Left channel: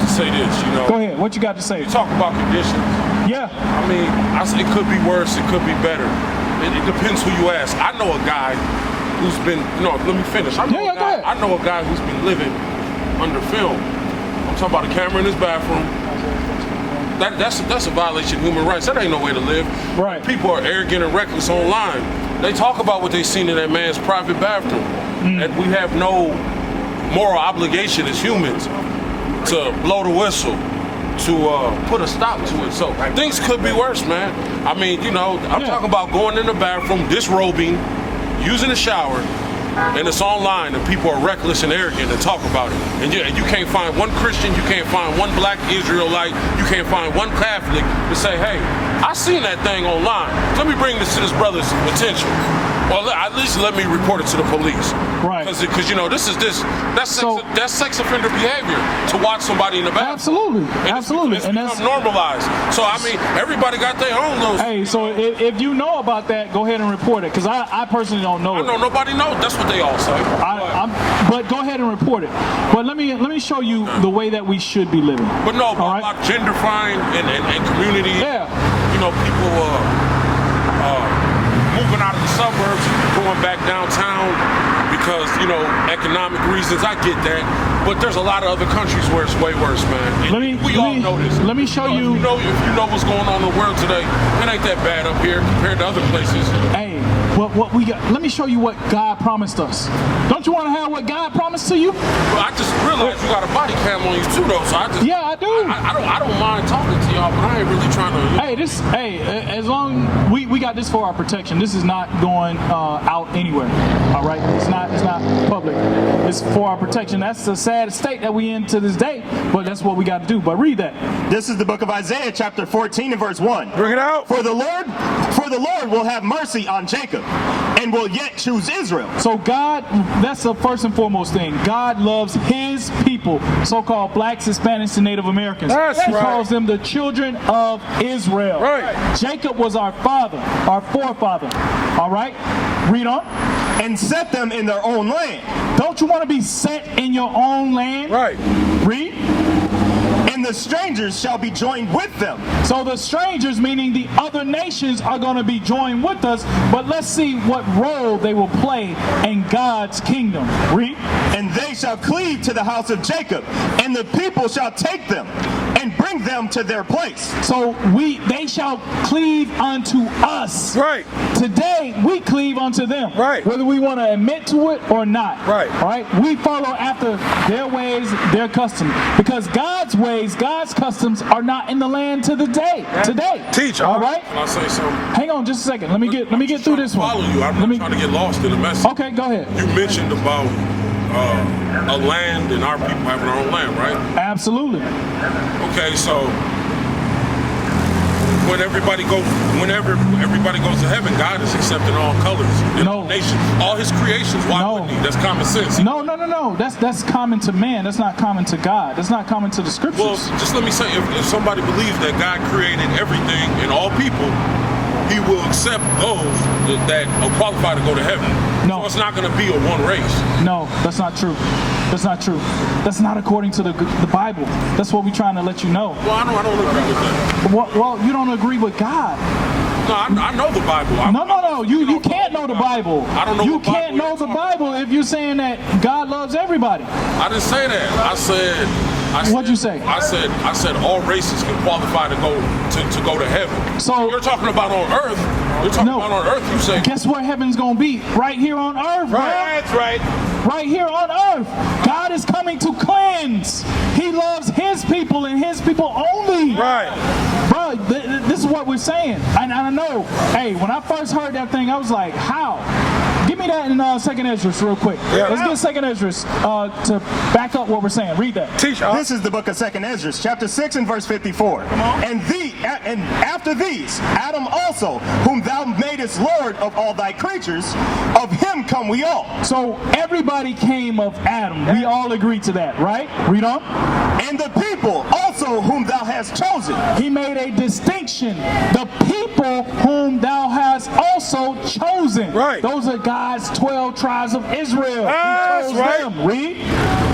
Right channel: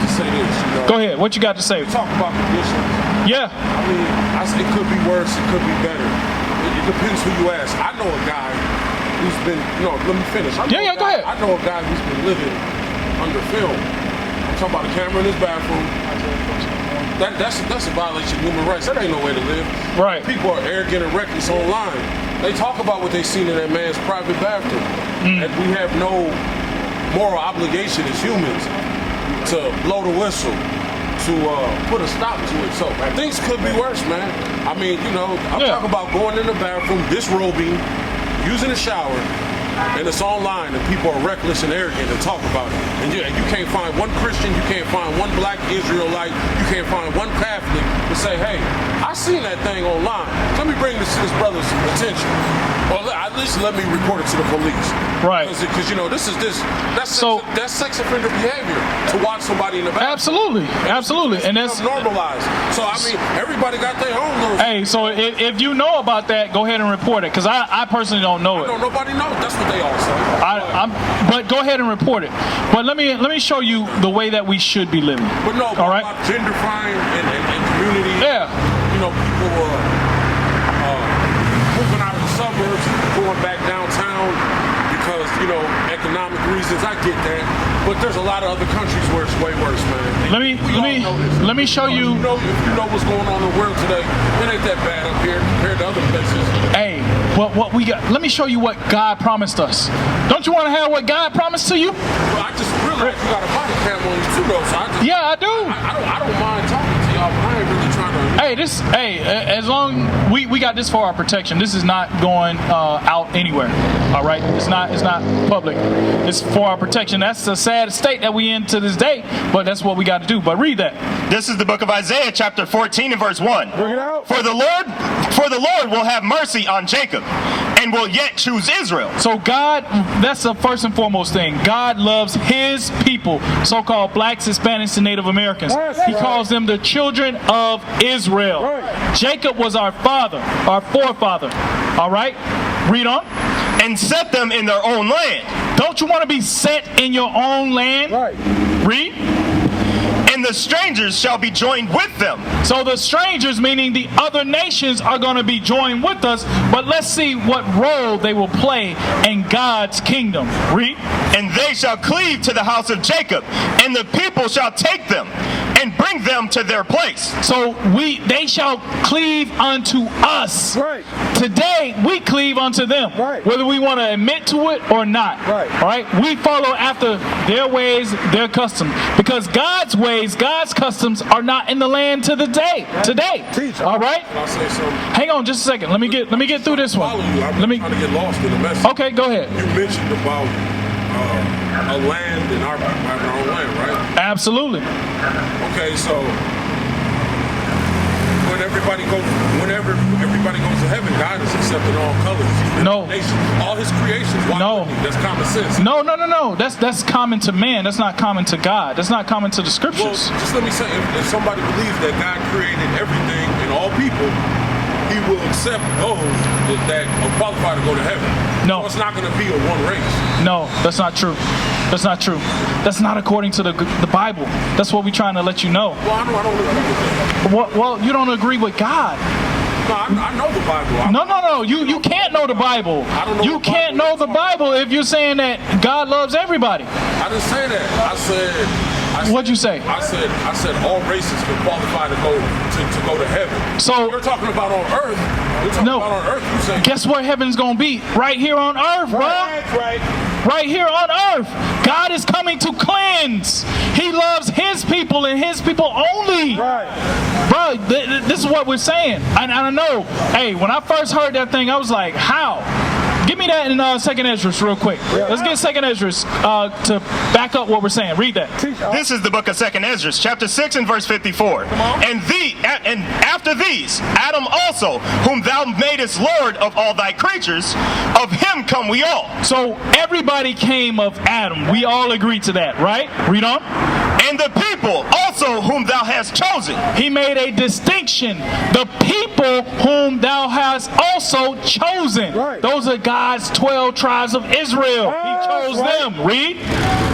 to say this, you know. Go ahead. What you got to say? We talk about conditions. Yeah. I mean, it could be worse, it could be better. It depends who you ask. I know a guy who's been, let me finish. Go ahead. I know a guy who's been living under film. I'm talking about a camera in his bathroom. That's a violation of human rights. That ain't no way to live. Right. People are arrogant and reckless online. They talk about what they seen in that man's private bathroom. And we have no moral obligation as humans to blow the whistle, to put a stop to it. So things could be worse, man. I mean, I'm talking about going in the bathroom, disrobing, using a shower, and it's online, and people are reckless and arrogant and talk about it. And you can't find one Christian, you can't find one black Israelite, you can't find one Catholic to say, hey, I seen that thing online. Let me bring this to this brother's attention. Well, at least let me report it to the police. Right. Because that's sex offender behavior to watch somebody in the bathroom. Absolutely. And that's normalized. So, I mean, everybody got their own those. Hey, so if you know about that, go ahead and report it. Because I personally don't know it. No, nobody knows. That's what they all say. But go ahead and report it. But let me show you the way that we should be living. But no, about gentrifying and community. Yeah. People moving out of the suburbs, going back downtown because, economic reasons. I get that. But there's a lot of other countries where it's way worse, man. Let me show you. If you know what's going on in the world today, it ain't that bad up here compared to other places. Hey, what we got? Let me show you what God promised us. Don't you want to have what God promised to you? Well, I just realized you got a body cam on you too, though. So I do. I don't mind talking to y'all, but I ain't really trying to. As long we got this for our protection. This is not going out anywhere. All right, it's not public. It's for our protection. That's the sad state that we in to this day, but that's what we got to do. But read that. This is the book of Isaiah, chapter 14 and verse 1. Bring it out. For the Lord will have mercy on Jacob, and will yet choose Israel. So God, that's the first and foremost thing. God loves His people, so-called blacks, Hispanics, and Native Americans. He calls them the children of Israel. Right. Jacob was our father, our forefather. All right? Read on. And set them in their own land. Don't you want to be set in your own land? Right. Read. And the strangers shall be joined with them. So the strangers, meaning the other nations, are going to be joined with us. But let's see what role they will play in God's kingdom. Read. And they shall cleave to the house of Jacob, and the people shall take them and bring them to their place. So they shall cleave unto us. Right. Today we cleave unto them. Right. Whether we want to admit to it or not. Right. All right. We follow after their ways, their customs, because God's ways, God's customs are not in the land today. Teach. All right. Can I say something? Hang on just a second. Let me get through this one. Follow you. I'm trying to get lost in the message. Okay, go ahead. You mentioned about a land and our people having our own land, right? Absolutely. Okay, so whenever everybody goes to heaven, God is accepting all colors, nations, all His creations. Why wouldn't He? That's common sense. No. That's common to man. That's not common to God. That's not common to the scriptures. Well, just let me say, if somebody believes that God created everything and all people, He will accept those that are qualified to go to heaven. No. So it's not going to be a one race. No, that's not true. That's not true. That's not according to the Bible. That's what we're trying to let you know. Well, I don't agree with that. Well, you don't agree with God. No, I know the Bible. No. You can't know the Bible. I don't know. You can't know the Bible if you're saying that God loves everybody. I didn't say that. I said. What'd you say? I said all races can qualify to go to heaven. So you're talking about on earth. You're talking about on earth. You say. Guess where heaven's gonna be? Right here on earth, bro. That's right. Right here on earth. God is coming to cleanse. He loves His people and His people only. Right. Bro, this is what we're saying. I know. Hey, when I first heard that thing, I was like, how? Give me that in 2nd Esdras real quick. Yeah. Let's get 2nd Esdras to back up what we're saying. Read that. This is the book of 2nd Esdras, chapter 6 and verse 54. Come on. And after these, Adam also, whom thou madest Lord of all thy creatures, of him come we all. So everybody came of Adam. We all agree to that, right? Read on. And the people also whom thou hast chosen. He made a distinction. The people whom thou hast also chosen. Right. Those are God's 12 tribes of Israel. He chose them. Read.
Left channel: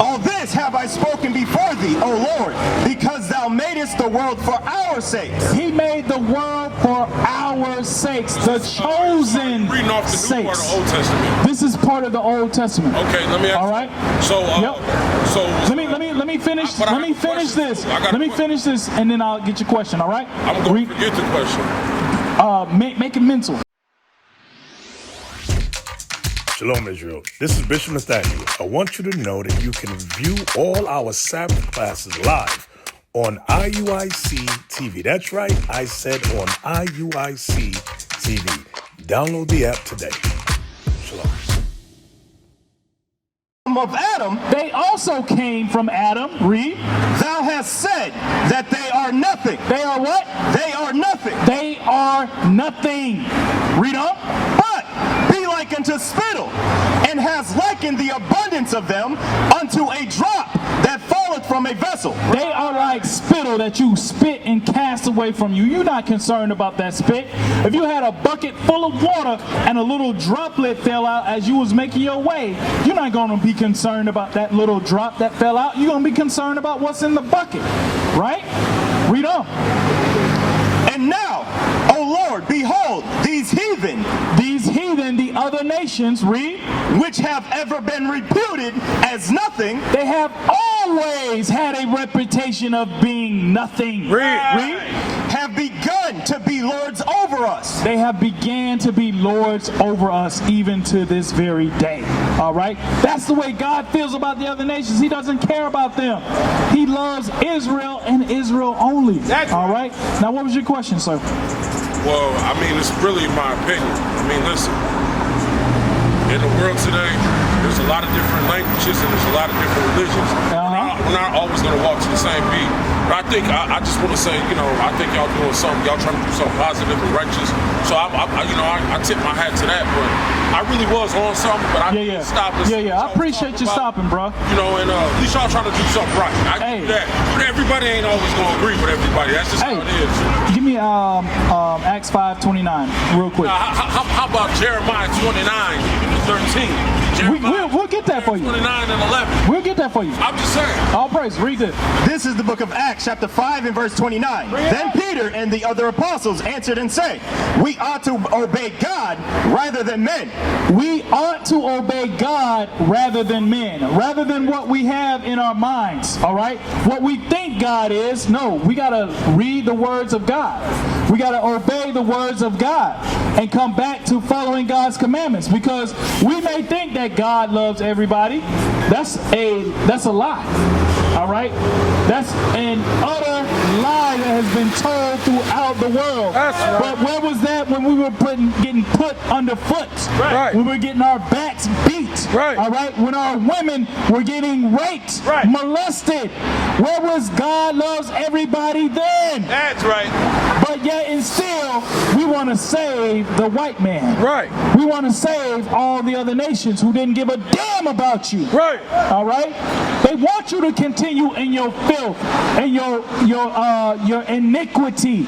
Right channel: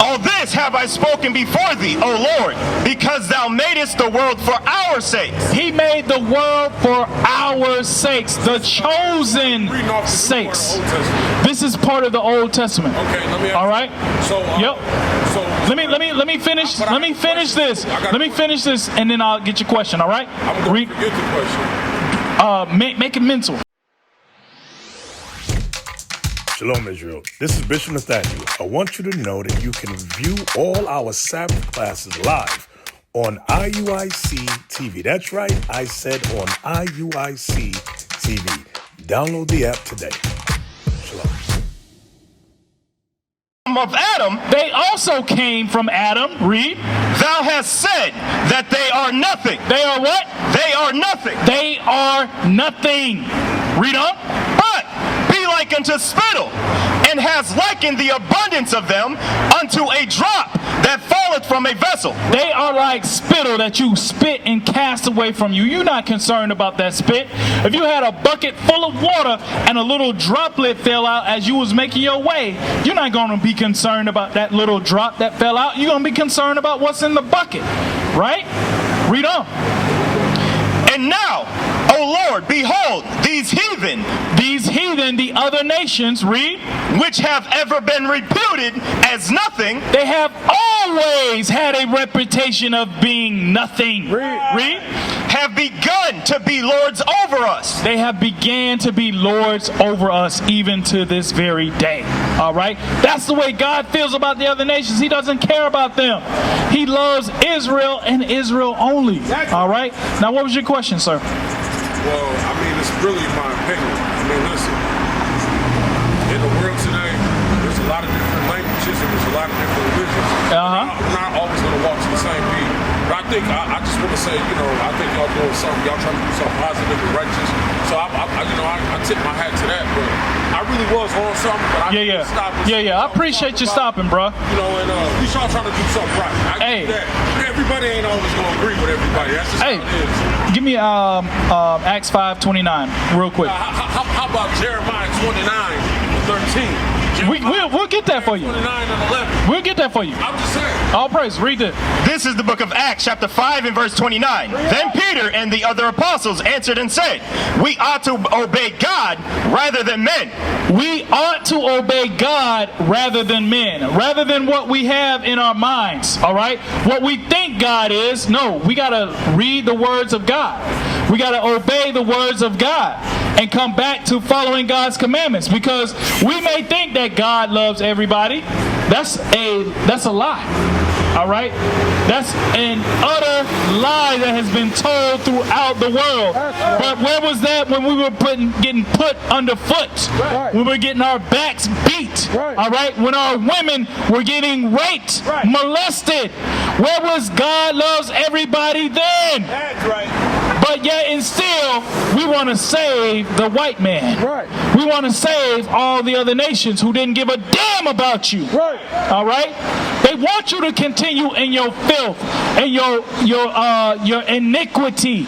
All this have I spoken before thee, O Lord, because thou madest the world for our sakes. He made the world for our sakes, the chosen Reading off the new sakes. part of the Old Testament. This is part of the Old Testament. Okay, let me ask All you. right. So, so Let me finish. But I Let me got a finish question. this. I got a Let me finish this, and then I'll get your question. All right. I'm going to forget the question. Make it mental. Shalom, Israel. This is Bishop Nathaniel. I want you to know that you can view all our Sabbath classes live on IUIC TV. That's right, I said on IUIC TV. Download the app today. Shalom. Of Adam, They also came from Adam. Read. thou hast said that they are nothing. They are what? They are nothing. They are nothing. Read on. But be like unto spittle, and has likened the abundance of them unto a drop that falleth from a vessel. They are like spittle that you spit and cast away from you. You're not concerned about that spit. If you had a bucket full of water and a little droplet fell out as you was making your way, you're not going to be concerned about that little drop that fell out. You're going to be concerned about what's in the bucket, right? Read on. And now, O Lord, behold, these heathen, The other nations, read, which have ever been reputed as nothing, they have always had a reputation of being nothing. Read. have begun to be lords over us. They have began to be lords over us even to this very day. All right? That's the way God feels about the other nations. He doesn't care about them. He loves Israel and Israel only. All right? Now, what was your question, sir? Well, I mean, it's really my opinion. I mean, listen, in the world today, there's a lot of different languages and there's a lot of different religions. We're not always going to walk to the same beat. But I just want to say, I think y'all doing something. Y'all trying to do something positive and righteous. So I tip my hat to that. But I really was on something. But I stopped. I appreciate you stopping, bro. And at least y'all trying to do something right. I get that. But everybody ain't always going to agree with everybody. That's just how it is. Give me Acts 5:29 real quick. How about Jeremiah 29:13? We'll get that for you. 29 and 11. We'll get that for you. I'm just saying. All praise. Read this. This is the book of Acts, chapter 5 and verse 29. Then Peter and the other apostles answered and said, we ought to obey God rather than men. We ought to obey God rather than men, rather than what we have in our minds, all right? What we think God is, no, we got to read the words of God. We got to obey the words of God and come back to following God's commandments, because we may think that God loves everybody. That's a lie. All right? That's an utter lie that has been told throughout the world. But where was that when we were getting put underfoot? Right. We were getting our backs beat. Right. All right? When our women were getting raped, molested. Where was God loves everybody then? That's right. But yet and still, we want to save the white man. Right. We want to save all the other nations who didn't give a damn about you. Right. All right? They want you to continue in your filth and your iniquity.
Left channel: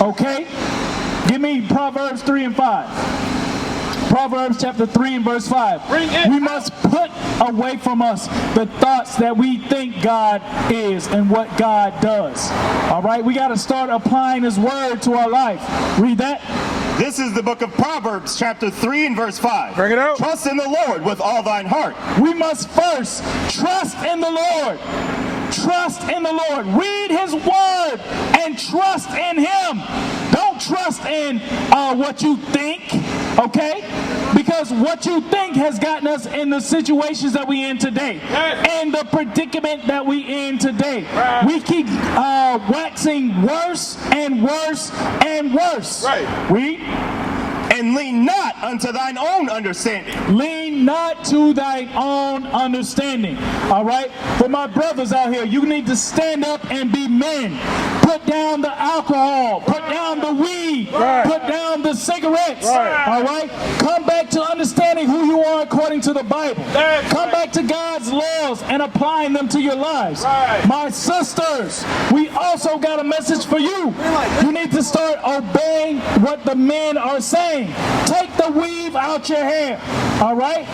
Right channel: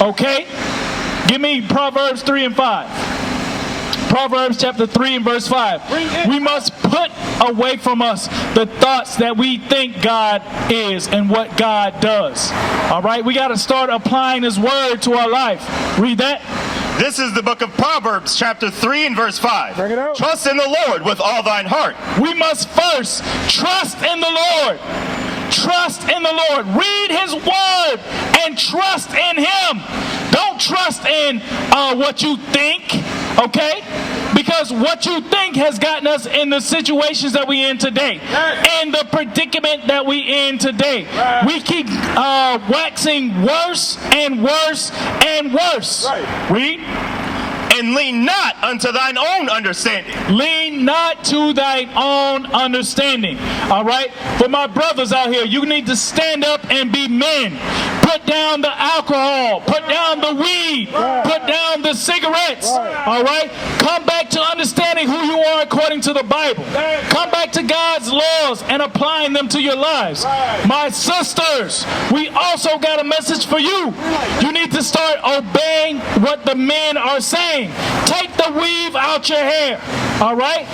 Okay? Give me Proverbs 3 and 5. Proverbs chapter 3 and verse 5. We must put away from us the thoughts that we think God is and what God does. All right? We got to start applying His word to our life. Read that. This is the book of Proverbs, chapter 3 and verse 5. Bring it out. Trust in the Lord with all thine heart. We must first trust in the Lord. Trust in the Lord. Read His word and trust in Him. Don't trust in what you think, okay? Because what you think has gotten us in the situations that we in today, and the predicament that we in today. We keep waxing worse and worse and worse. Read. And lean not unto thine own understanding. Lean not to thine own understanding. All right? For my brothers out here, you need to stand up and be men. Put down the alcohol. Put down the weed. Put down the cigarettes. All right? Come back to understanding who you are according to the Bible. Come back to God's laws and applying them to your lives. My sisters, we also got a message for you. You need to start obeying what the men are saying. thing. Take the weave out your hair. All right?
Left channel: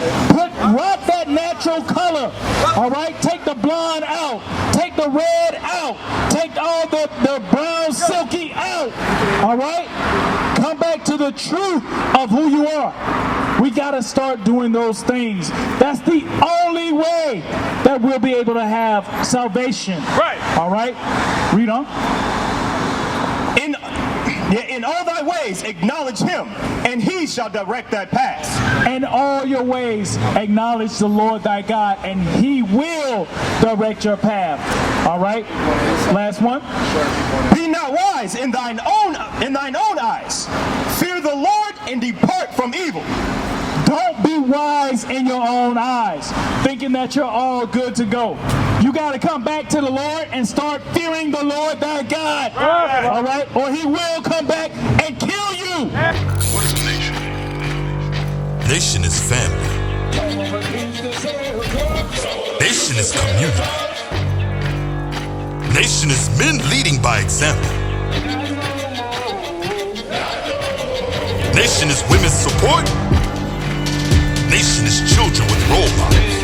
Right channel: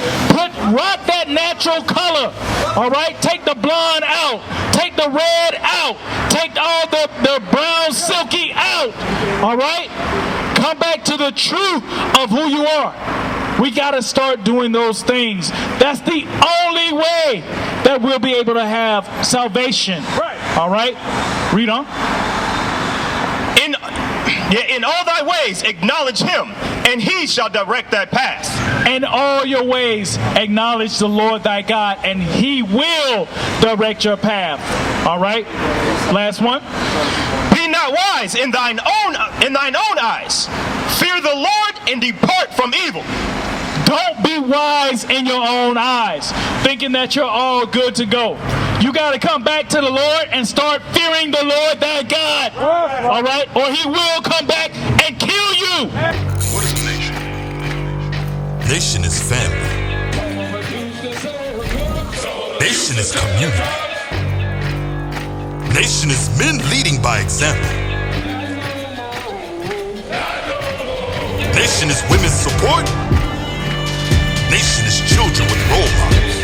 Rock that natural color. All right? Take the blonde out. Take the red out. Take all the brown silky out. All right? Come back to the truth of who you are. We got to start doing those things. That's the only way that we'll be able to have salvation. Right. All right? Read on. In all thy ways acknowledge him, and he shall direct thy paths. In all your ways acknowledge the Lord thy God, and he will direct your path. All right? Last one. Be not wise in thine own eyes. Fear the Lord and depart from evil. Don't be wise in your own eyes, thinking that you're all good to go. You got to come back to the Lord and start fearing the Lord thy God. All right? Or he will come back and kill you. What is a nation? Nation is family. Nation is community. Nation is men leading by example. Nation is women's support. Nation is children with role models.